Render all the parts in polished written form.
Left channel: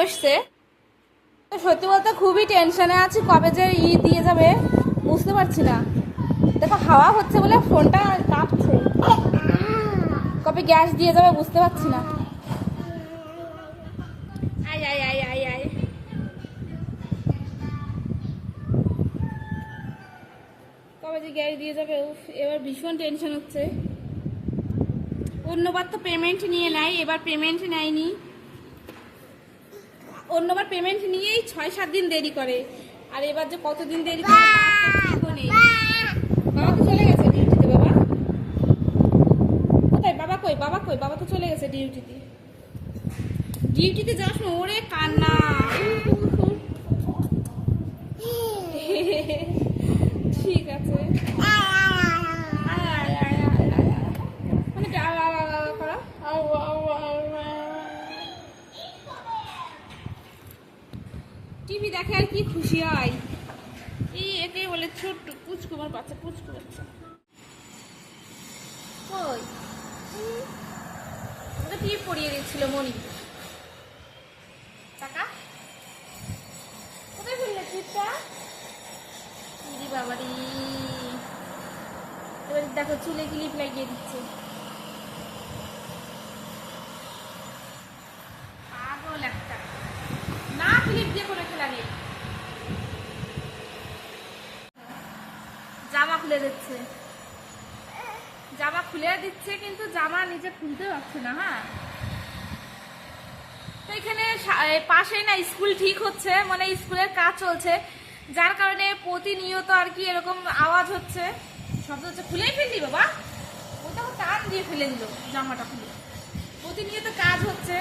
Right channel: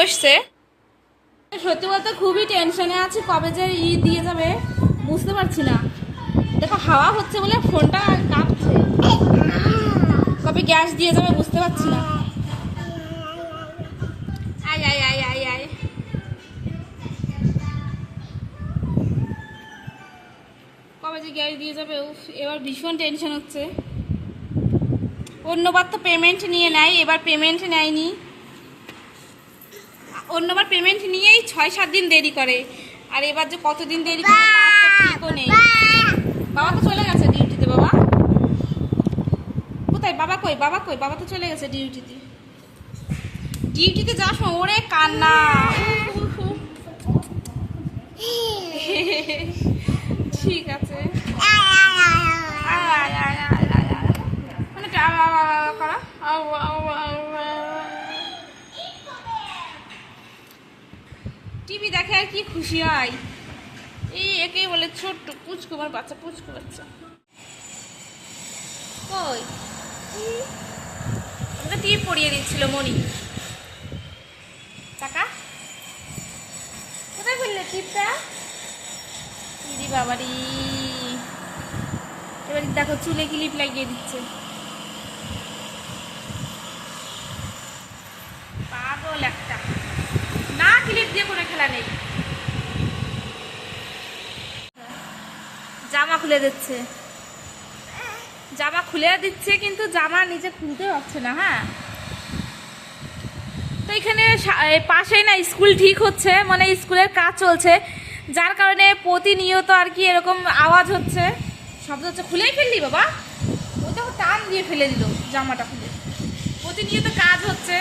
বসছে। সত্যি বলতে খুবই টেনশনে আছি, কবে যে দিয়ে যাবে বুঝতে পারছি না। দেখো হাওয়া হচ্ছে বলে ফোনটা কাঁপছে, কবে গ্যাস দিয়ে যাবে বুঝতে পারছি না। আয় আয় আয় আয় আয়, কবে যে গ্যাস দিয়ে যাবে এবার ভীষণ টেনশন হচ্ছে। অন্যবার তো পেমেন্ট নিয়ে নেয়, এবার পেমেন্ট নেয়নি। অন্যবার পেমেন্ট নিয়েই 6-7 দিন দেরি করে, আর এবার যে কতদিন দেরি করে ঠিকও নেই। বাবা তো চলে গেছে ডিউটিতে। বাবা কোথায়? বাবা কই? বাবা কই? বাবা তো চলে গেছে ডিউটিতে। ডিউটিতে যাওয়ার সময় ওরে কান্না। ঠিক আছে, টিভি দেখে আর কি খুশি হয়। এই একে বলে ছোট্ট পুচকু, আমার বাচ্চা পুচকু বাচ্চা। কই আমাকে টিভি পড়িয়ে দিচ্ছিল মনি। টাকা কোথায় ফেললে টিপটা? দিদি বাবারি, এবার দেখো চুলে ক্লিপ লাগিয়ে দিচ্ছে। পাগল একটা, না ক্লিপ দিয়ে কোনো খেলা নেই। জামা খুলে দিচ্ছে, জামা খুলে দিচ্ছে কিন্তু জামা নিচে খুলতে পারছে না। হ্যাঁ, তো এখানে পাশেই না স্কুল ঠিক হচ্ছে, মানে স্কুলের কাজ চলছে, যার কারণে প্রতিনিয়ত আর কি এরকম আওয়াজ হচ্ছে, শব্দ হচ্ছে। খুলেই ফেললি বাবা, ওই দেখো টান দিয়ে ফেলে দিল জামাটা খুলে। প্রতিনিয়ত কাজ হচ্ছে।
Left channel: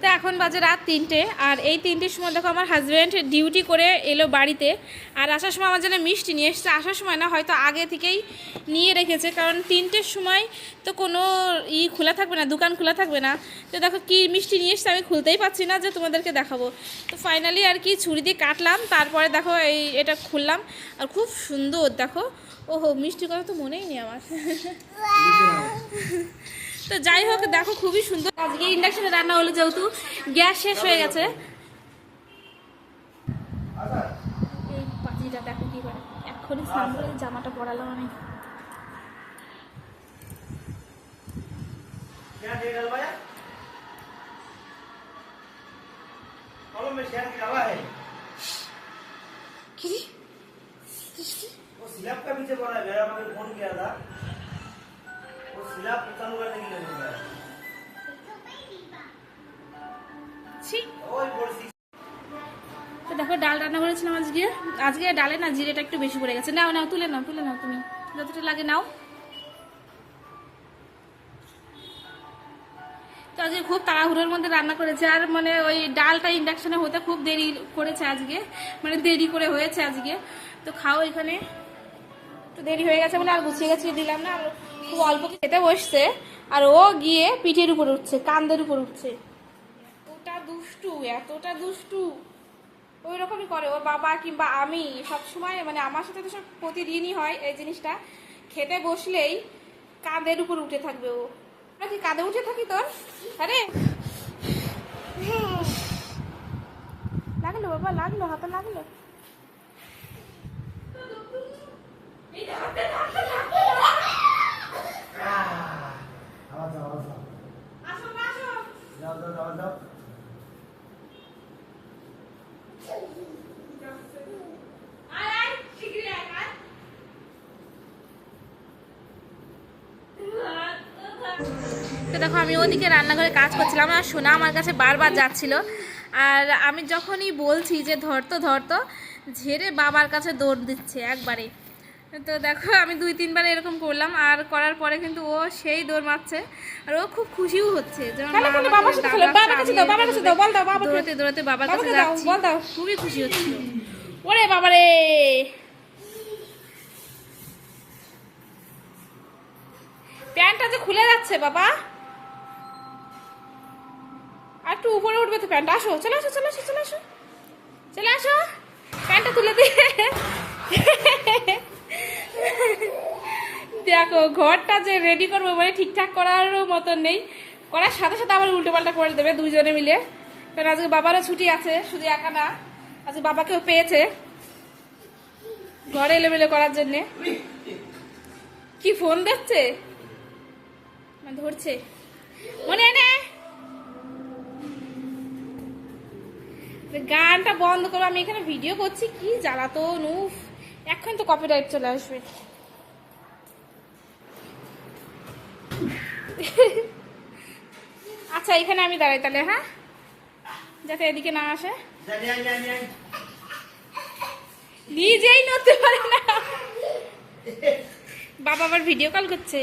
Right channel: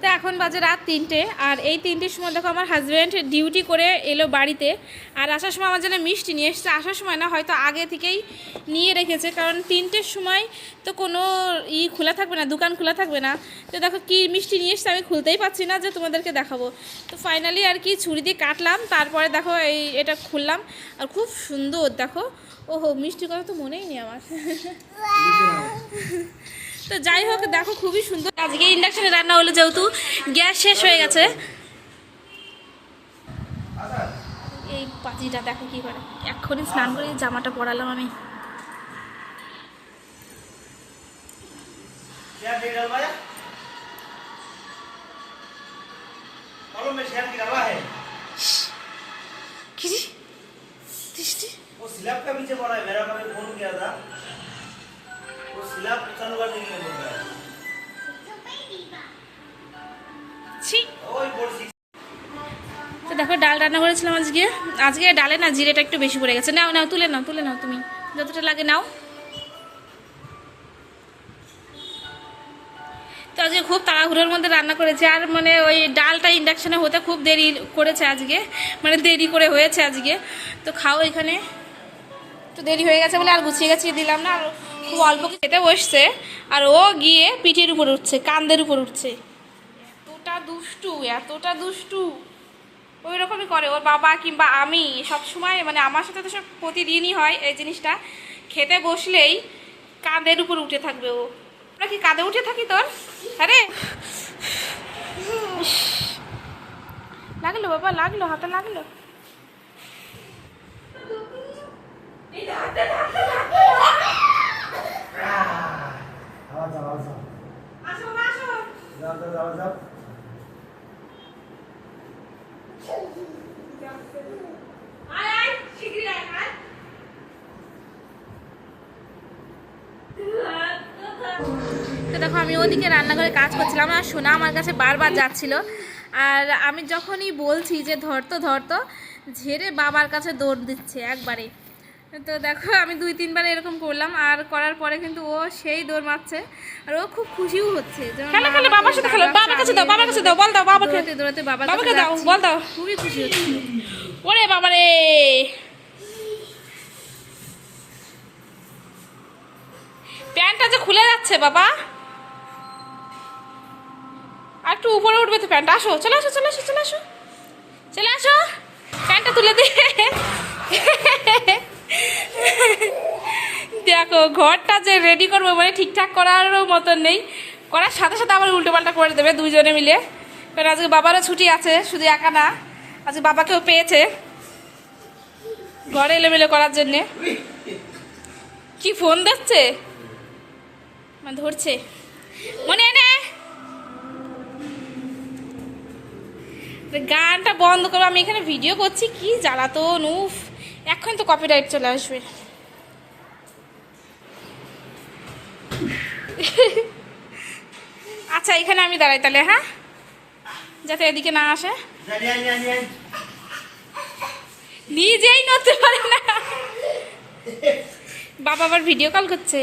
তো এখন বাজে রাত 3টে, আর এই 3টের সময় দেখো আমার হাজব্যান্ড ডিউটি করে এলো বাড়িতে, আর আসার সময় আমার জন্য মিষ্টি নিয়ে এসছে। আসার সময় না, হয়তো আগে থেকেই নিয়ে রেখেছে, কারণ 3টের সময় তো কোনো খোলা থাকবে না, দোকান খোলা থাকবে না। তো দেখো কি মিষ্টি নিয়ে এসছে, আমি খুলতেই পারছি না যে তোমাদেরকে দেখাবো। তো ফাইনালি আর কি ছুরি দিয়ে কাটলাম, তারপরে দেখো এটা খুললাম, আর খুব সুন্দর দেখো। ওহো, মিষ্টির কথা তো মনেই নেই আমার। তো যাই হোক দেখো খুবই সুন্দর। আজকে ইন্ডাকশনে রান্না হলো, যেহেতু গ্যাস শেষ হয়ে গেছে। এই পাজিটা দেখো কি করে, এক্ষুনি স্নান করে জামাটা পরালাম আমি। তো দেখো ডাল রান্না করেছিলাম আজকে। আজকে ডালে না জিরেটা একটু বেশি পড়ে গেছে। নাও নাও, তুলে নাও, তুলে নাও, তুমি যতটা লাগে নাও। তো আজকে খুব তাড়াহুড়োর মধ্যে রান্না করেছে, আর মানে ওই ডালটা ইন্ডাকশানে হতে খুব দেরি করেছে আজকে, মানে দেরি করে হয়েছে আজকে। তো খাও এখানে, তো দেরি হয়ে গেছে বলে আর গুছিয়ে গাছিয়ে দিলাম না, আর খুব অল্প খেতে বসছে, আর ও গিয়ে পিঠের উপর উঠছে, কান্দের উপর উঠছে। এতটা দুষ্টু, এতটা দুষ্টু, ওই রকমই করে ওর বাবা কিংবা আমি সব সময়, মানে আমার সাথে তো সব প্রতিদিনই হয় এই জিনিসটা। খেতে বসলেই কাঁধের উপর উঠে থাকবে ও। আমরা কি কাঁধে উঠে থাকি তোর? আরে লাগলো বাবা, লাগলো, হাতে লাগলো। তো দেখো আমি ওদিকে রান্নাঘরে কাজ করছিলাম, আর সোনা আমার কাছে বারবার যাচ্ছিল, আর আমি যখনই বলছি যে ধরতো ধরতো, ঝেড়ে বাবার কাছে দৌড় দিচ্ছে একবারে। তো দেখো আমি 2-3 বার এরকম করলাম, আর করার পরে কিন্তু ও সেই দৌড় মারছে, আর ও খুব খুশিও হচ্ছে। দৌড়াতে বাবার কাছে যাচ্ছি, খুবই খুশি হচ্ছিল। ওরে বাবারে, প্যান্টটা যে খুলে যাচ্ছে বাবা, আর একটু উপরে উঠবে তো প্যান্ট। আসো, চলে আসো, চলে আসো, চলে আসো, চলে আসো, প্যান্টটা তুলে দিয়ে দেখো ঘরটা যে রেডি করবো মানে ঠিকঠাক করারও মতন নেই, করার সাথে সাথে আবার উল্টোপাল্টা করে দেবে দুইজনে মিলে। কারণ আজকে বাবারও ছুটি আছে, শুধু একা না, আজকে বাবাকেও পেয়েছে ঘরে এলোমেলো করার জন্যে। কি ফোন দিচ্ছে, মানে ধরছে মনে হয় না। গানটা বন্ধ করবো, আমি এখানে ভিডিও করছি, কি জ্বালাতন, উফ এখন তো কপিরাইট চলে আসবে। আচ্ছা এখানে আমি দাঁড়াই তাহলে, হ্যাঁ, যাতে এদিকে না আসে। নিজেই নড়তে পারে না, বাবা আবার ভিডিও কল করছে।